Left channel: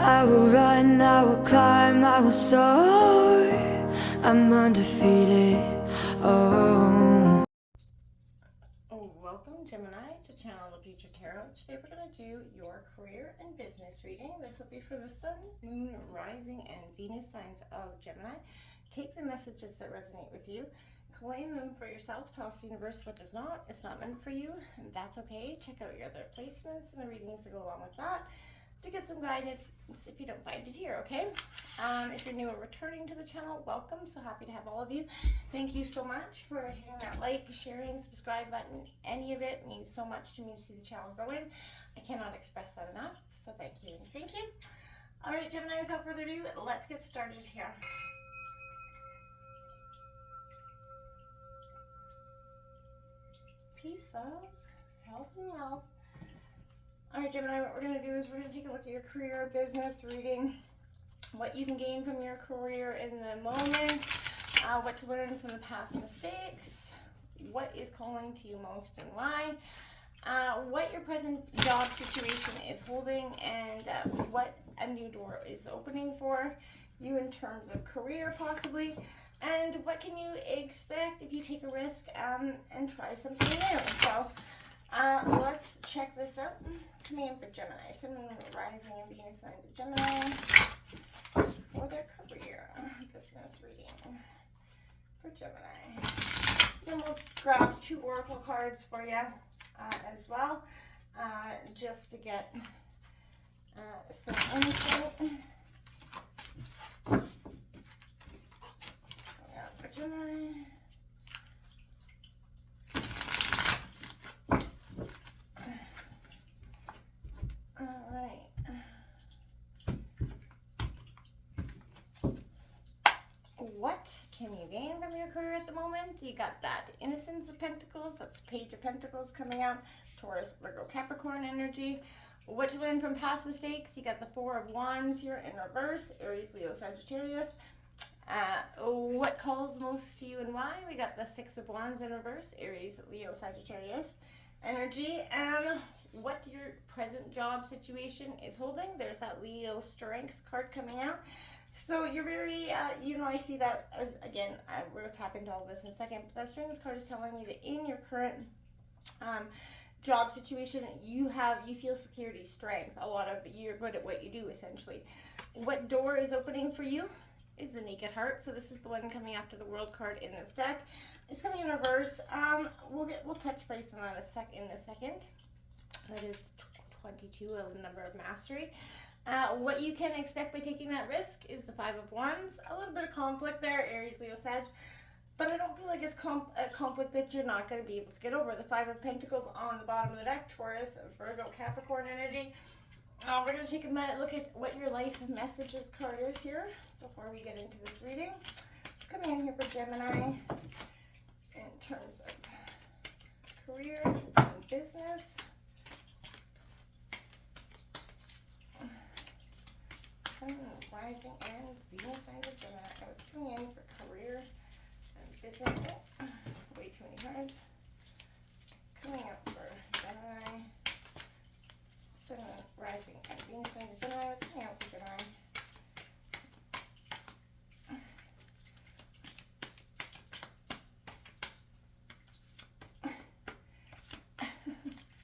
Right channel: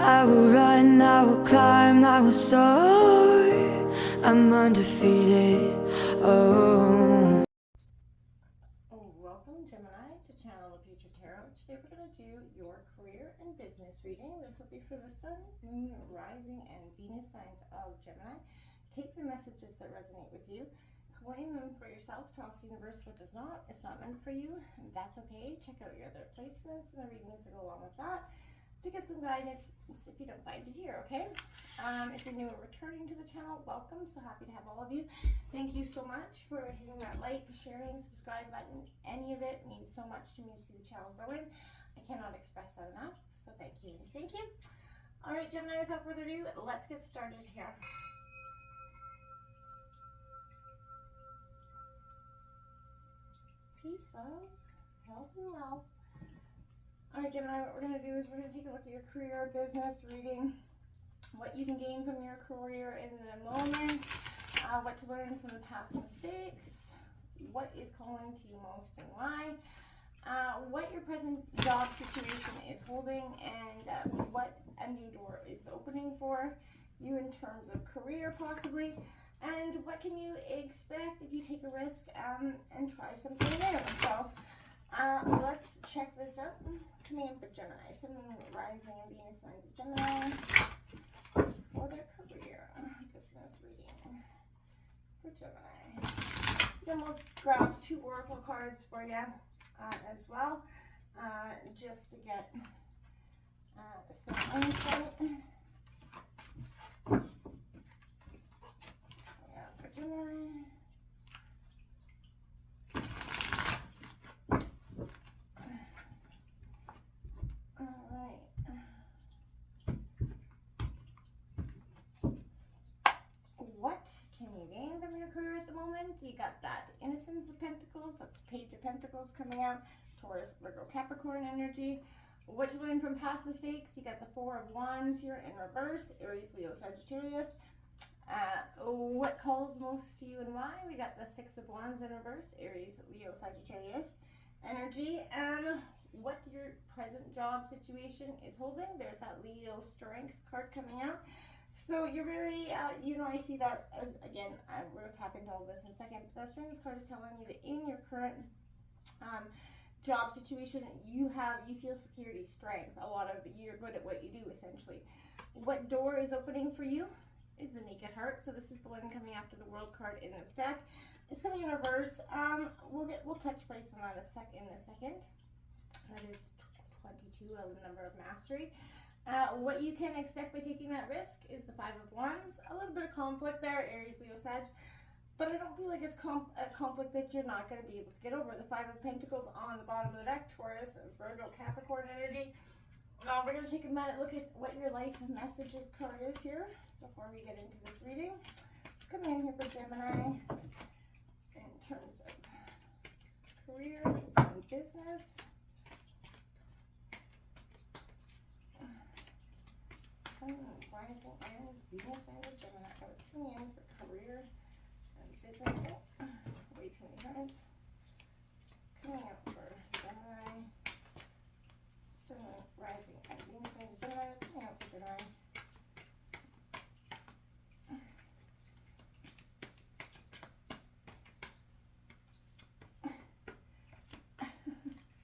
I will run, I will climb, I will soar. I'm undefeated. Oh. Welcome, Gemini, to Channel of Future Tarot. Today we're going to do your career and business reading. This will be for the Sun, Moon, Rising, and Venus signs of Gemini. Take the messages that resonate with you, claim them for yourself. Tell us the universe what does not. It's not meant for you, and that's okay. Check out your other placements and the readings that go along with that to get some guidance if you don't find it here, okay? If you're new or returning to the channel, welcome. So happy to have all of you. Thank you so much for hitting that like, sharing, subscribe button. Any of it means so much to me to see the channel growing. I cannot express that enough. So thank you. Thank you. All right, Gemini, without further ado, let's get started here. Peace, love, health, and wealth. All right, Gemini, what we're going to do is we're going to take a look at your career, business, reading, what you can gain from your career in the moment, what to learn from the past mistakes, what is calling to you most and why, what your present job situation is holding, and what a new door is opening for you in terms of career possibly, and what can you expect if you take a risk and try something new. So let's check this out. Coming in for Gemini, Sun, Moon, Rising, and Venus signs of Gemini for their career. Business reading for Gemini. Then we'll grab 2 oracle cards for you as well, just to get some insight. For Gemini. What can you gain from your career at the moment? You got that Innocence of Pentacles, that's the Page of Pentacles coming out, Taurus, Virgo, Capricorn energy. What to learn from past mistakes? You got the 4 of Wands here in reverse, Aries, Leo, Sagittarius. What calls most to you and why? We got the 6 of Wands in reverse, Aries, Leo, Sagittarius energy. What your present job situation is holding. There's that Leo Strength card coming out. So you're very, I see that as, again, we'll tap into all this in a second, but that Strength card is telling me that in your current job situation, you feel security, strength, you're good at what you do, essentially. What door is opening for you is the Naked Heart. So this is the one coming after the World card in this deck. It's coming in reverse. We'll touch base on that in a second. That is 22, a number of mastery. What you can expect by taking that risk is the 5 of Wands. A little bit of conflict there, Aries, Leo, Sag. But I don't feel like it's a conflict that you're not going to be able to get over. The 5 of Pentacles on the bottom of the deck, Taurus, Virgo, Capricorn energy. We're going to take a look at what your life messages card is here before we get into this reading. It's coming in here for Gemini in terms of career and business. Sun, Rising, and Venus signs of Gemini. It's coming in for career and business. Way too many cards. Coming up for Gemini. Sun, Rising, and Venus signs of Gemini. It's coming out for Gemini.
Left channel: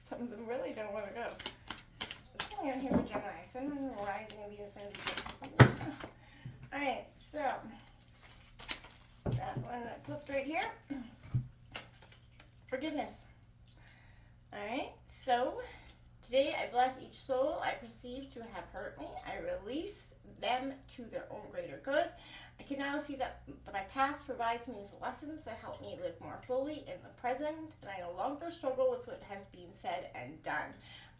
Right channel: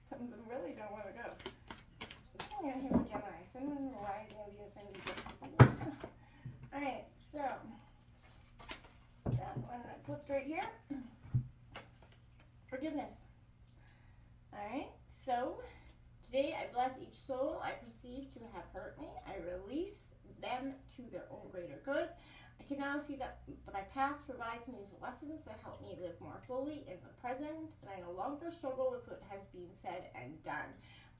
Some of them really don't want to go. Coming out here for Gemini. Sun, Moon, Rising, and Venus signs of Gemini. Alright, so that one that flipped right here. Forgiveness. Alright, so today I bless each soul I perceive to have hurt me. I release them to their own greater good. I can now see that my past provides me with lessons that help me live more fully in the present, and I no longer struggle with what has been said and done.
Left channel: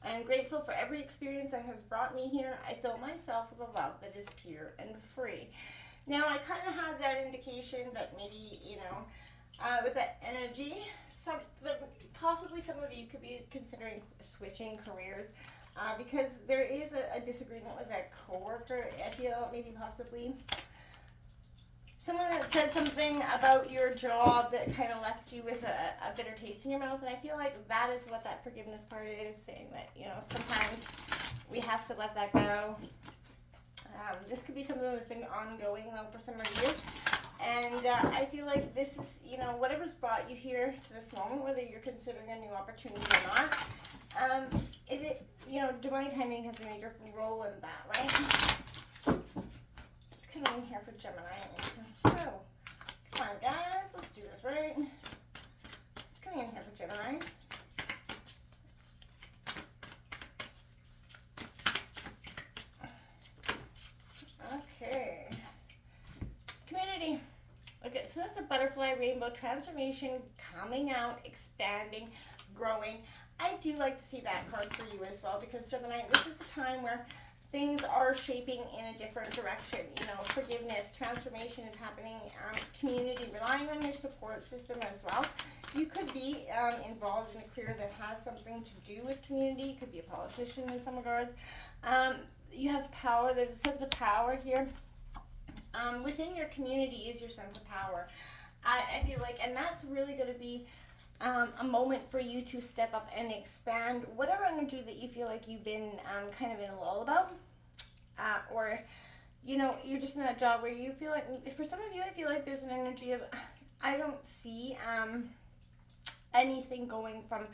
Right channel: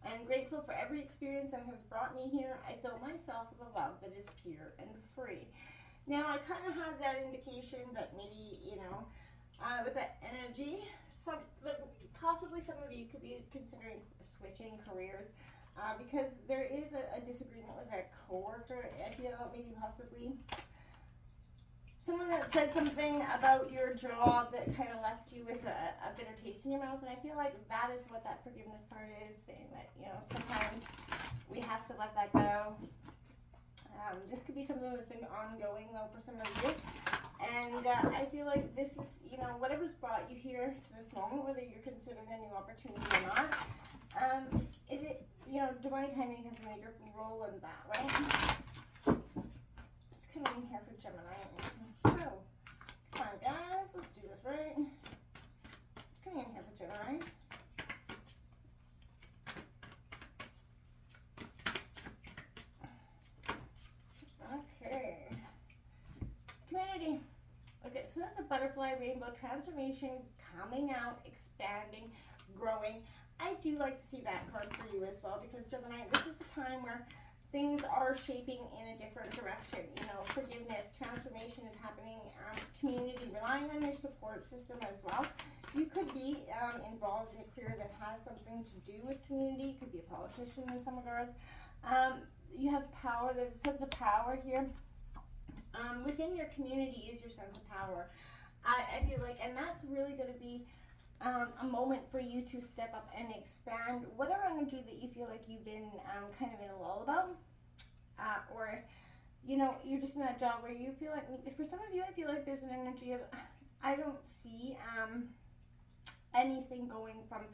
I am grateful for every experience that has brought me here. I fill myself with a love that is pure and free. Now, I kind of have that indication that maybe, with that energy, possibly some of you could be considering switching careers because there is a disagreement with a coworker. I feel maybe possibly someone that said something about your job that kind of left you with a bitter taste in your mouth, and I feel like that is what that forgiveness part is, saying that, you know, sometimes we have to let that go This could be something that's been ongoing though for some of you. And I feel like this is, you know, whatever's brought you here to this moment, whether you're considering a new opportunity or not, you know, divine timing has a major role in that, right? Let's come in here for Gemini. Oh, come on, guys, let's do this, right? Let's come in here for Gemini. Okay. Community. Okay, so that's a butterfly rainbow transformation, coming out, expanding, growing. I do like to see that card for you as well, because Gemini, this is a time where things are shaping in a different direction. You know, forgiveness, transformation is happening, community, relying on your support system as well. You could be involved in a career that has something to do with community. You could be a politician in some regards. You have power. There's a sense of power here. Within your community is your sense of power. I feel like, and that's really going to be a moment for you to step up and expand whatever energy that you feel like you've been kind of in a lull about, or you know, you're just in that job where you feel like, for some of you, I feel like there's an energy of, I don't see anything going from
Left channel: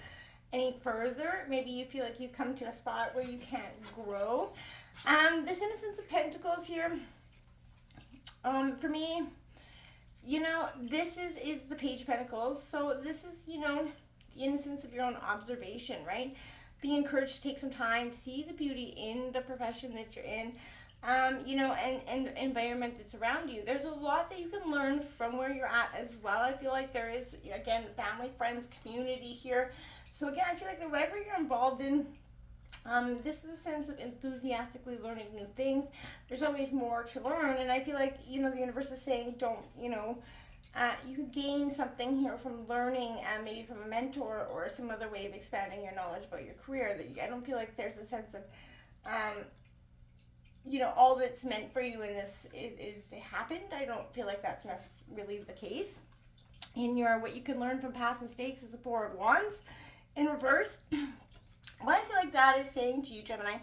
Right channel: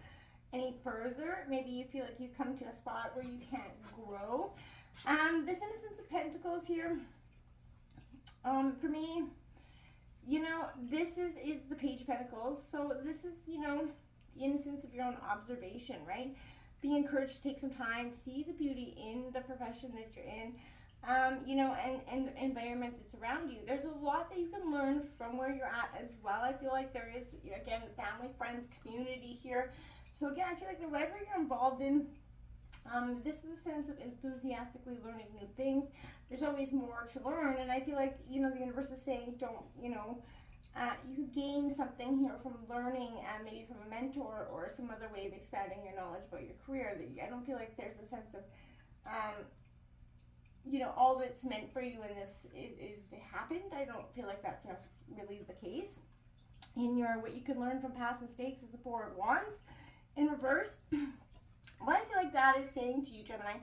any further. Maybe you feel like you've come to a spot where you can't grow. This Innocence of Pentacles here, for me, you know, this is the Page of Pentacles. So this is, you know, the innocence of your own observation, right? Be encouraged to take some time, see the beauty in the profession that you're in, you know, and the environment that's around you. There's a lot that you can learn from where you're at as well. I feel like there is, again, family, friends, community here. So again, I feel like whatever you're involved in, this is a sense of enthusiastically learning new things. There's always more to learn, and I feel like, you know, the universe is saying, don't, you know, you could gain something here from learning, maybe from a mentor or some other way of expanding your knowledge about your career. That I don't feel like there's a sense of, you know, all that's meant for you in this is happened. I don't feel like that's really the case. In your, what you can learn from past mistakes is the Four of Wands in reverse. What I feel like that is saying to you, Gemini,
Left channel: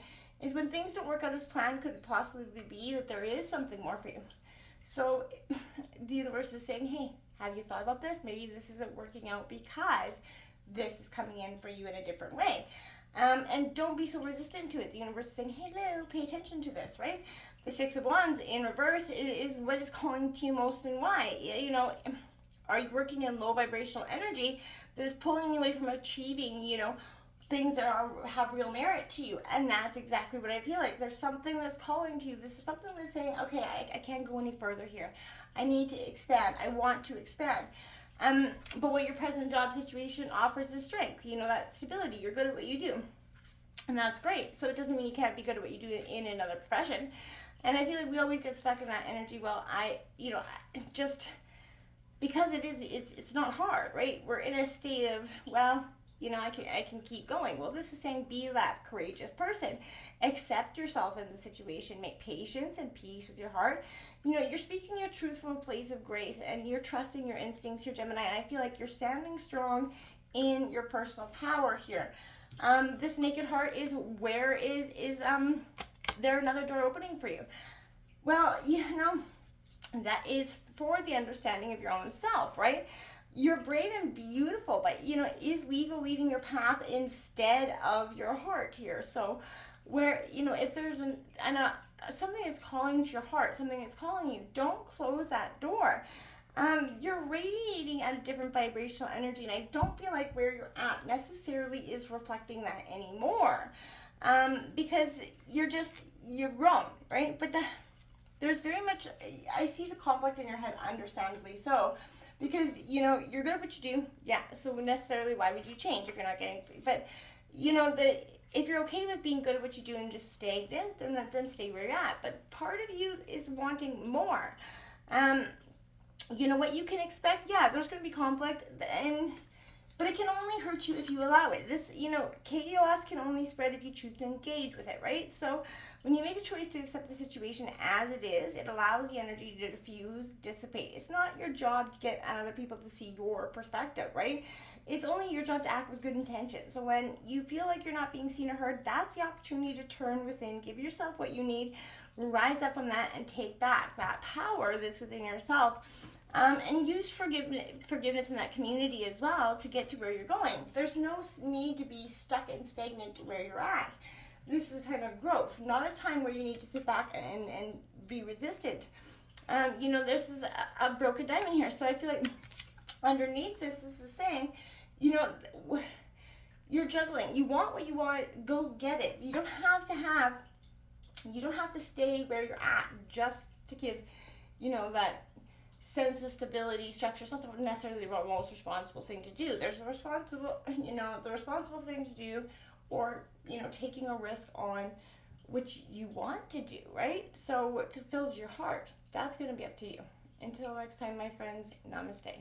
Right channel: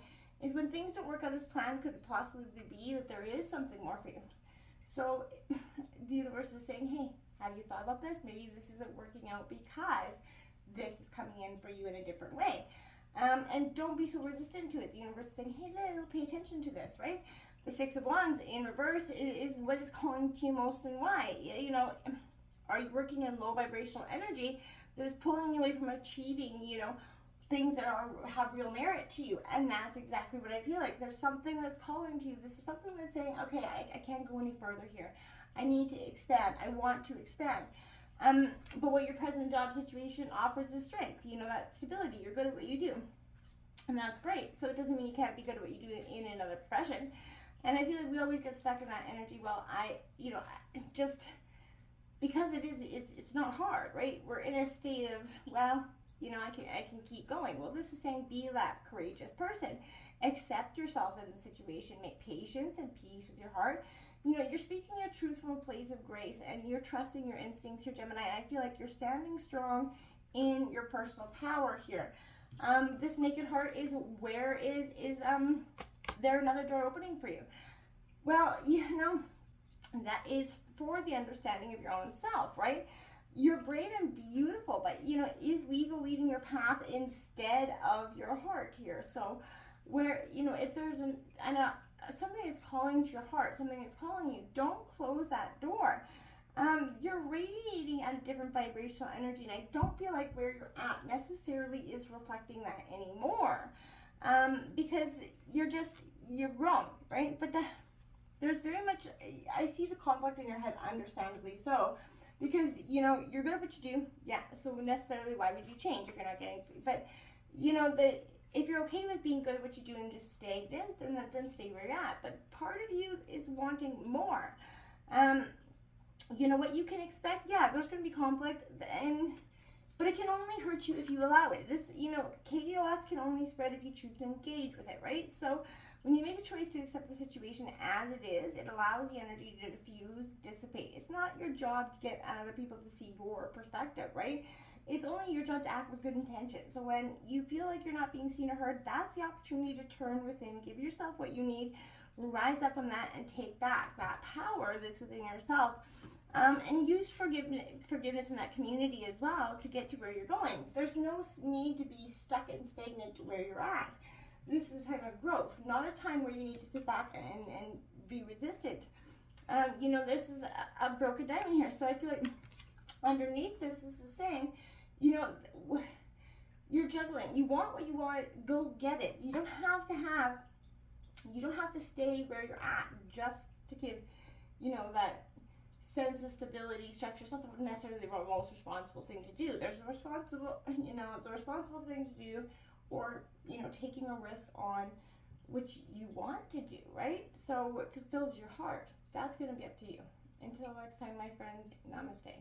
is when things don't work out as planned, could it possibly be that there is something more for you. So the universe is saying, hey, have you thought about this? Maybe this isn't working out because this is coming in for you in a different way. And don't be so resistant to it. The universe is saying, hey, hello, pay attention to this, right? The Six of Wands in reverse is what is calling to you most, and why. You know, are you working in low vibrational energy that is pulling you away from achieving, you know, things that have real merit to you? And that's exactly what I feel like. There's something that's calling to you. This is something that's saying, okay, I can't go any further here. I need to expand. I want to expand. But what your present job situation offers is strength. You know, that stability. You're good at what you do. And that's great. So it doesn't mean you can't be good at what you do in another profession. And I feel like we always get stuck in that energy. Well, you know, just because it's not hard, right? We're in a state of, well, you know, I can keep going. Well, this is saying be that courageous person. Accept yourself in the situation. Make patience and peace with your heart. You know, you're speaking your truth from a place of grace, and you're trusting your instincts here, Gemini. And I feel like you're standing strong in your personal power here. This Naked Heart is where is there another door opening for you? Well, you know, that is for the understanding of your own self, right? You're brave and beautiful, but, you know, is ego leading your path instead of your heart here? So where, you know, if there's something is calling to your heart, something is calling you, don't close that door. You're radiating at a different vibrational energy, and I don't feel like where you're at necessarily is reflecting that anymore, because you're wrong, right? But there's very much, I see the conflict in your head, understandably so. Because, you know, you're good at what you do. Yeah, so necessarily why would you change if you're not getting, but, you know, if you're okay with being good at what you do and just stagnant, then stay where you're at. But part of you is wanting more. You know, what you can expect, yeah, there's going to be conflict, and but it can only hurt you if you allow it. This, chaos can only spread if you choose to engage with it, right? So when you make a choice to accept the situation as it is, it allows the energy to diffuse, dissipate. It's not your job to get other people to see your perspective, right? It's only your job to act with good intention. So when you feel like you're not being seen or heard, that's the opportunity to turn within, give yourself what you need, rise up from that, and take back that power that's within yourself. And use forgiveness in that community as well to get to where you're going. There's no need to be stuck and stagnant to where you're at. This is a time of growth, not a time where you need to sit back and be resistant. This is a broken diamond here, so I feel like underneath this is the saying, you're juggling. You want what you want, go get it. You don't have to stay where you're at just to give, that sense of stability, structure. It's not necessarily the most responsible thing to do. There's the responsible thing to do, or, taking a risk on which you want to do, right? So what fulfills your heart, that's going to be up to you. Until next time, my friends, namaste.